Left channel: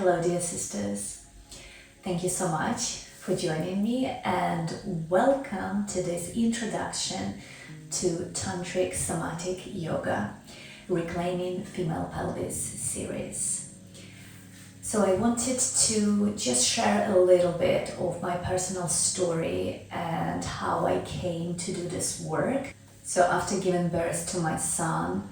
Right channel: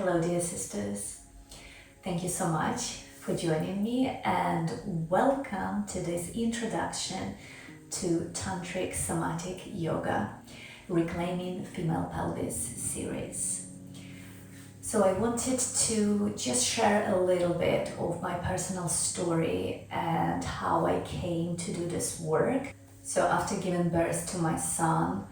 Hello dear sisters, thank you so much for joining me and welcome to this introduction to Tantric Somatic Yoga Reclaiming Female Pelvis series. So I wanted to just share a little bit of my personal story and how I came to do this work. So after giving birth to my son,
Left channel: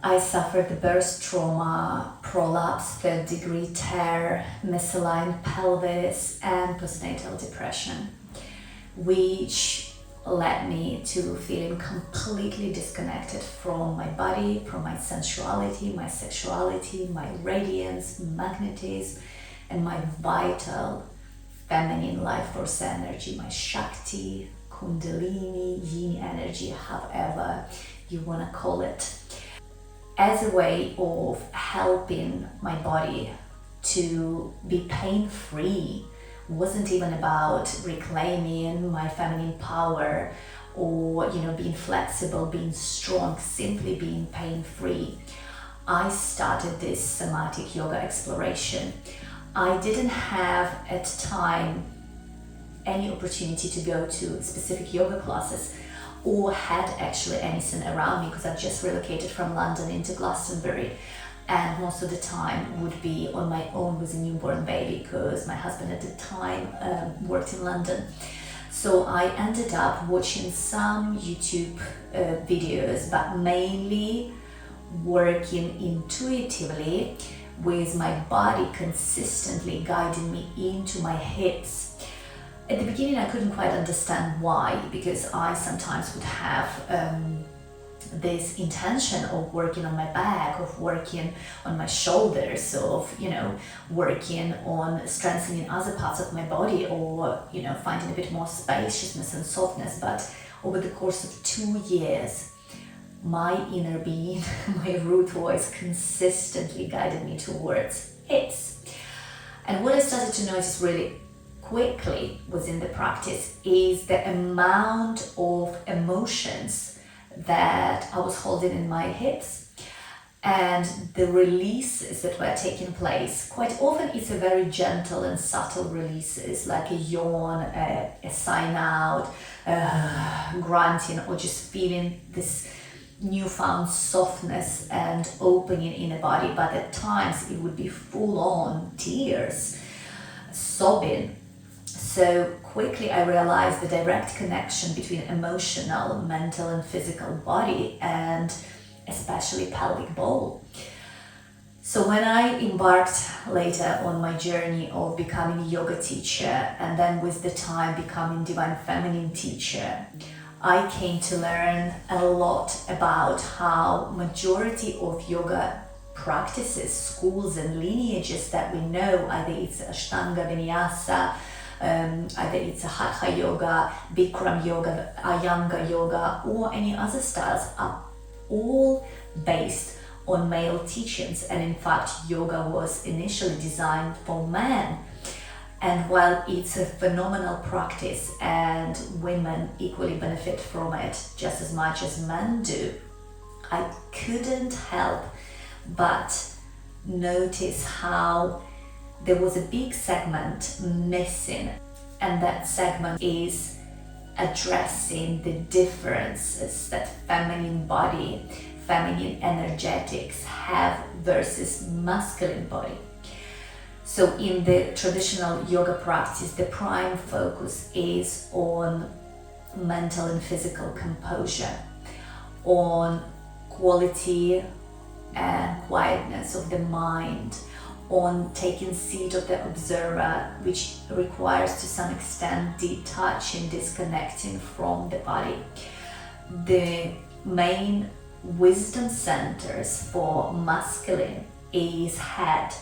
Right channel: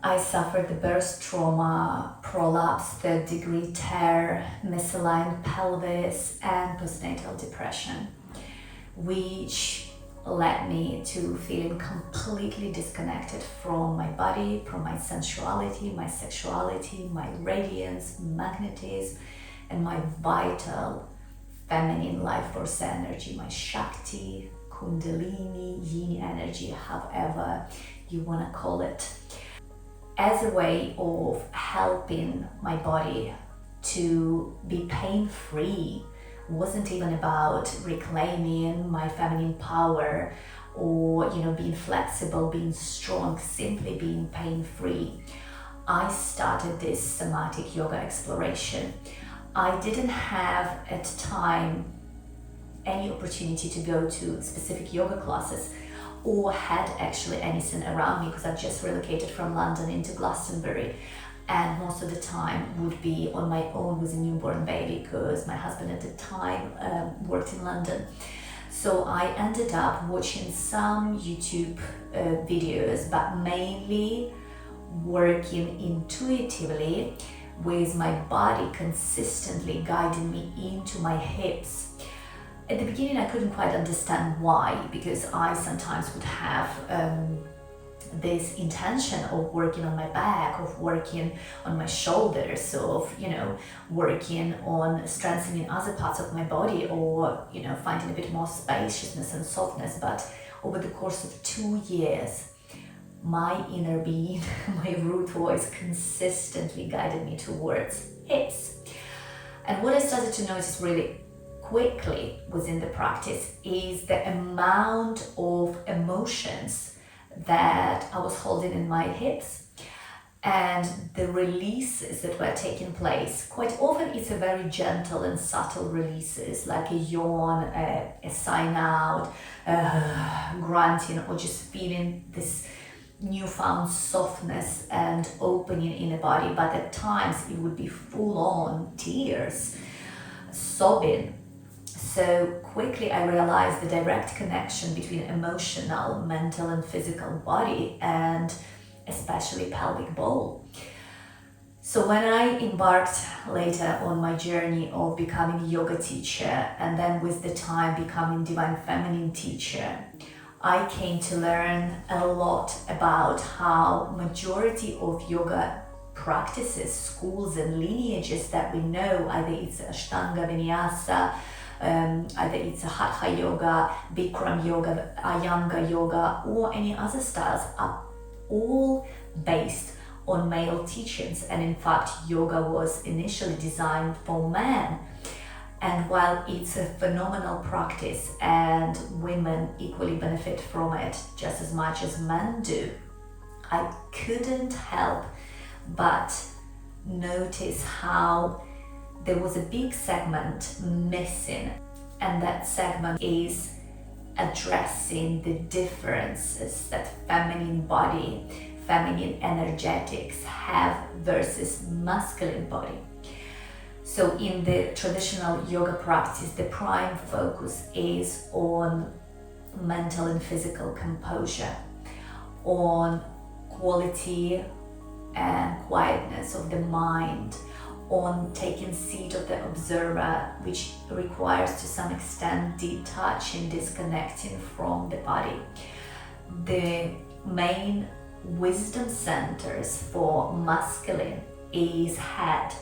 I suffered the birth trauma, prolapse, third-degree tear, misaligned pelvis, and postnatal depression, which led me to feeling completely disconnected from my body, from my sensuality, my sexuality, my radiance, magnetism, and my vital feminine life force energy, my Shakti, Kundalini, Yin energy, however you want to call it, as a way of helping my body to be pain-free. Wasn't even about reclaiming my feminine power or being flexible, being strong, simply being pain-free. I started this somatic yoga exploration. I didn't have at the time any opportunity to go to specific yoga classes or had actually anything around me because I just relocated from London into Glastonbury, and most of the time would be on my own with a newborn baby because my husband at the time worked in London. So I ended up watching some YouTube videos, but mainly working intuitively with my body consistently guiding me into my hips. At the beginning, I couldn't quite understand why, because I sometimes would have this intention of working on my back, of working on my shoulders, of working on strengthening other parts of my body, or finding a bit more spaciousness and softness. But over the course of 2 years, my inner being, my root voice, consistently guided me towards hips. And what I started to notice really quickly within the practice is the amount of emotions that I was holding in my hips and the releases that were taking place. Quite often it's a very gentle and subtle releases, like a yawn, a sign out, grunting, or just feeling this newfound softness and opening in the body. But at times it would be full on tears, sobbing. So quickly I realized the direct connection between emotional, mental and physical body, and especially pelvic bowl. So when I embarked later on my journey of becoming a yoga teacher, and then with the time becoming divine feminine teacher, I came to learn a lot about how majority of yoga practices, schools and lineages that we know, either it's Ashtanga Vinyasa, either it's a Hatha yoga, Bikram yoga, Iyengar yoga, or any other styles, are all based on male teachings. And in fact, yoga was initially designed for men. And while it's a phenomenal practice and women equally benefit from it just as much as men do, I couldn't help but notice how there was a big segment missing, and that segment is addressing the differences that feminine body, feminine energetics have versus masculine body. So in the traditional yoga practice, the prime focus is on mental and physical composure, on quality and quietness of the mind, on taking seat of the observer, which requires to some extent detaching, disconnecting from the body. The main wisdom centers for masculine is head.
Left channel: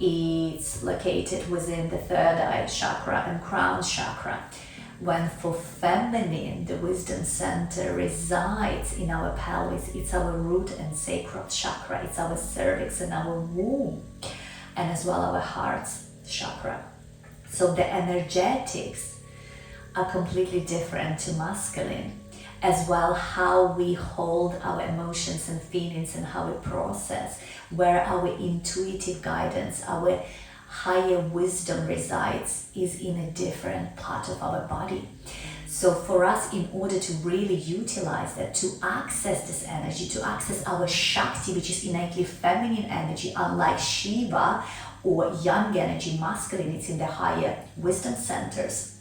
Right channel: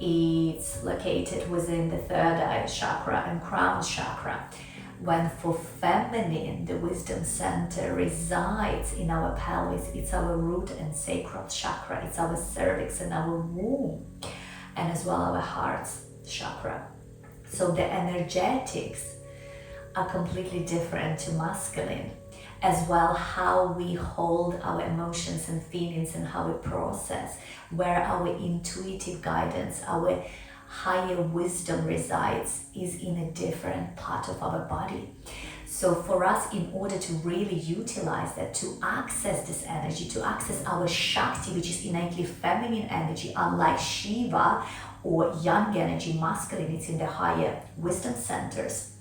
It's located within the third eye chakra and crown chakra, when for feminine the wisdom center resides in our pelvis. It's our root and sacral chakra, it's our cervix and our womb, and as well our heart's chakra. So the energetics are completely different to masculine, as well how we hold our emotions and feelings and how we process, where our intuitive guidance, our higher wisdom resides, is in a different part of our body. So for us, in order to really utilize that, to access this energy, to access our Shakti, which is innately feminine energy, unlike Shiva or yang energy, masculine, it's in the higher wisdom centers.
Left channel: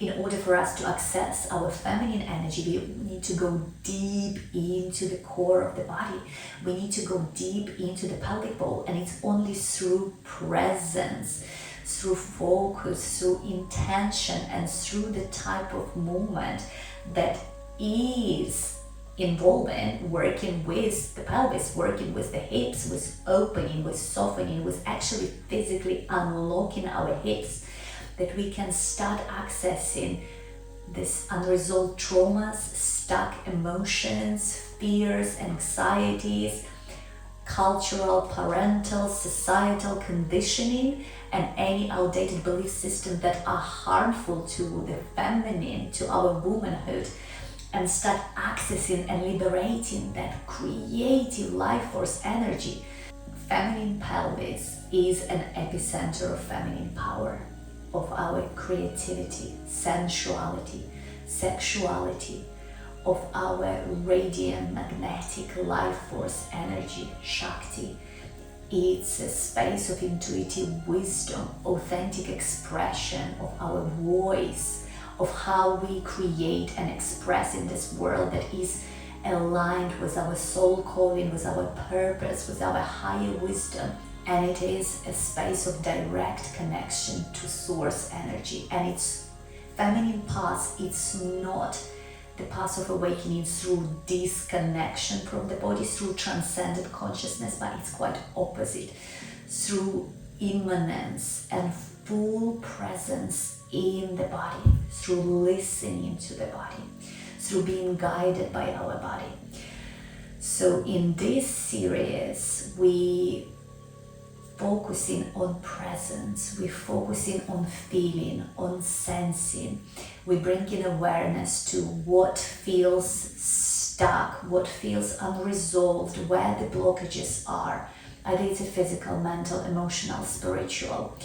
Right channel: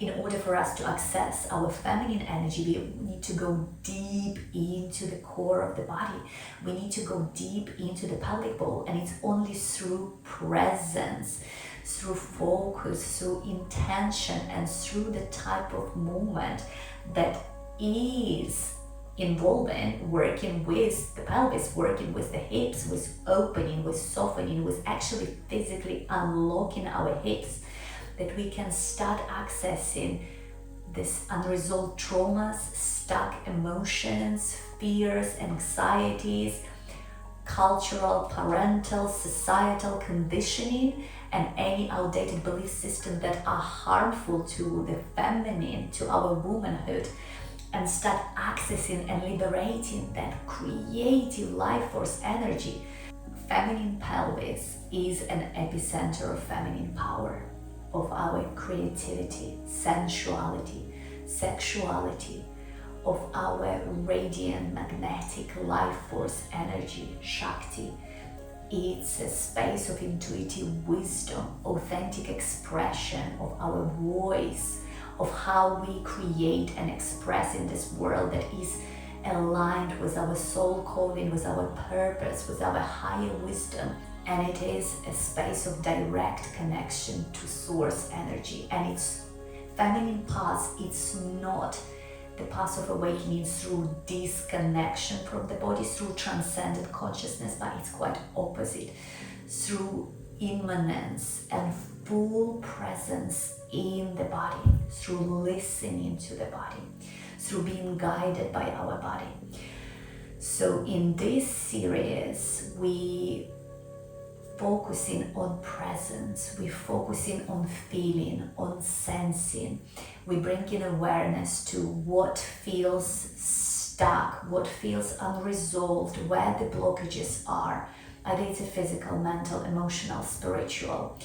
In order for us to access our feminine energy, we need to go deep into the core of the body. We need to go deep into the pelvic bowl, and it's only through presence, through focus, through intention, and through the type of movement that is involving working with the pelvis, working with the hips, with opening, with softening, with actually physically unlocking our hips, that we can start accessing this unresolved traumas, stuck emotions, fears, anxieties, cultural, parental, societal conditioning, and any outdated belief system that are harmful to the feminine, to our womanhood, and start accessing and liberating that creative life force energy. Feminine pelvis is an epicenter of feminine power, of our creativity, sensuality, sexuality, of our radiant magnetic life force energy, Shakti. It's a space of intuitive wisdom, authentic expression of our voice, of how we create and express in this world that is aligned with our soul calling, with our purpose, with our higher wisdom. And it is a space of direct connection to source energy. And it's feminine path, it's not the path of awakening through disconnection from the body, through transcendent consciousness, but it's quite opposite, through immanence and full presence in the body, through listening to the body, through being guided by our body. So in this series, we focusing on presence, we're focusing on feeling, on sensing. We bring in awareness to what feels stuck, what feels unresolved, where the blockages are. Either it's a physical, mental, emotional, spiritual.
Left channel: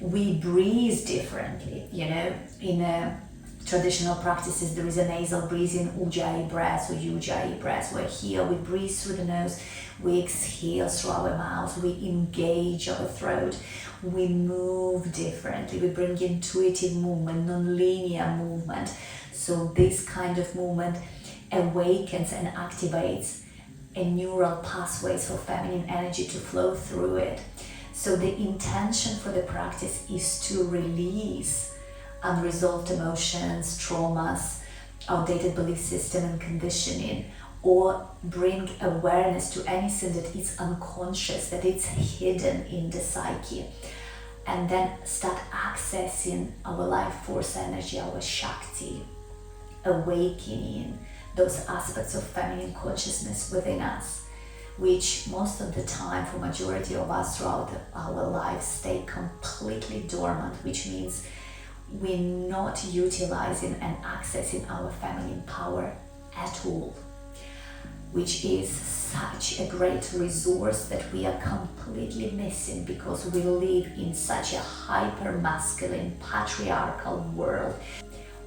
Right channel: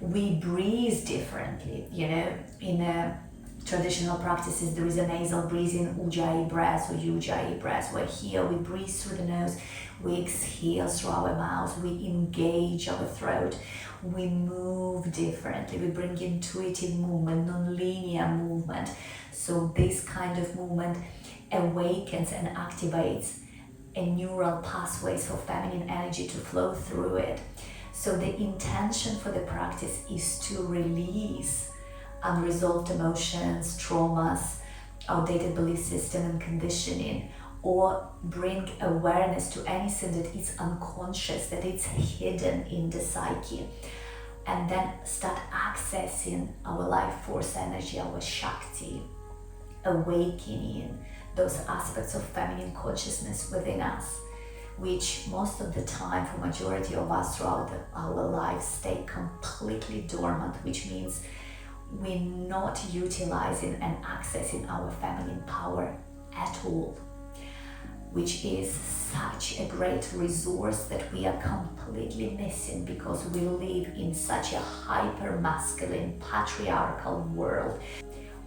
We breathe differently, in traditional practices there is a nasal breathing, ujjayi breath or ujjayi breath, where here we breathe through the nose, we exhale through our mouth, we engage our throat, we move differently, we bring intuitive movement, non-linear movement. So this kind of movement awakens and activates a neural pathways for feminine energy to flow through it. So the intention for the practice is to release unresolved emotions, traumas, outdated belief system and conditioning, or bring awareness to anything that is unconscious, that it's hidden in the psyche, and then start accessing our life force energy, our Shakti, awakening those aspects of feminine consciousness within us, which most of the time for majority of us throughout our lives stay completely dormant, which means we're not utilizing and accessing our feminine power at all, which is such a great resource that we are completely missing because we live in such a hyper masculine patriarchal world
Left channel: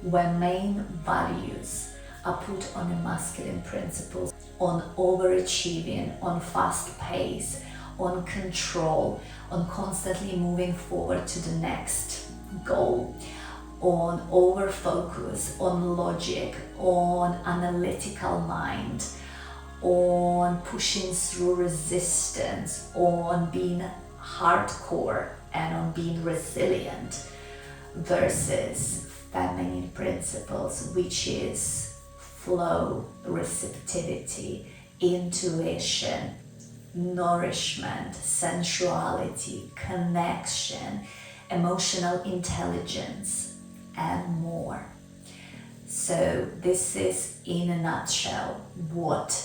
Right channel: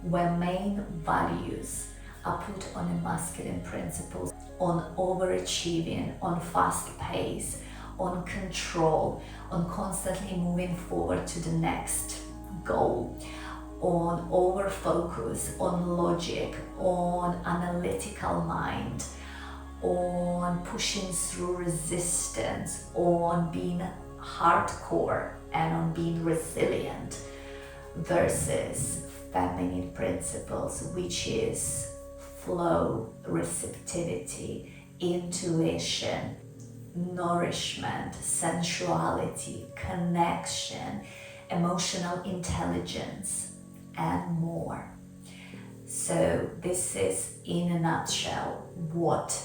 where main values are put on a masculine principles, on overachieving, on fast pace, on control, on constantly moving forward to the next goal, on over focus, on logic, on analytical mind, on pushing through resistance, on being hardcore and on being resilient, versus feminine principles, which is flow, receptivity, intuition, nourishment, sensuality, connection, emotional intelligence, and more. So this is in a nutshell what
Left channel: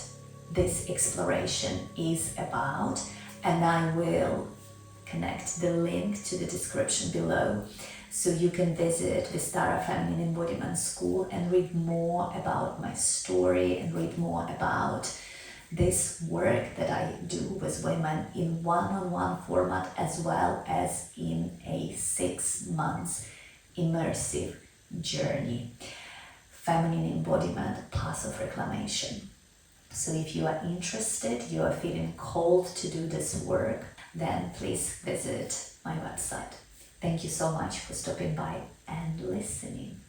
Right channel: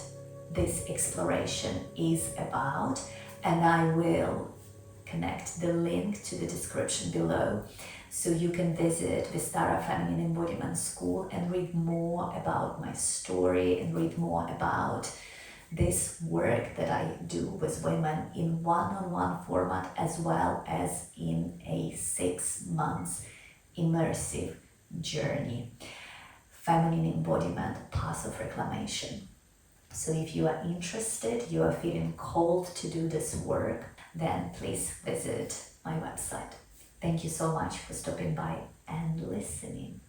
this exploration is about, and I will connect the link to the description below So you can visit Vistara Feminine Embodiment School and read more about my story and read more about this work that I do with women in one-on-one format, as well as in a 6 months immersive journey. Feminine Embodiment Path of Reclamation. So if you are interested, you are feeling called to do this work, then please visit my website. Thank you so much for stopping by and listening.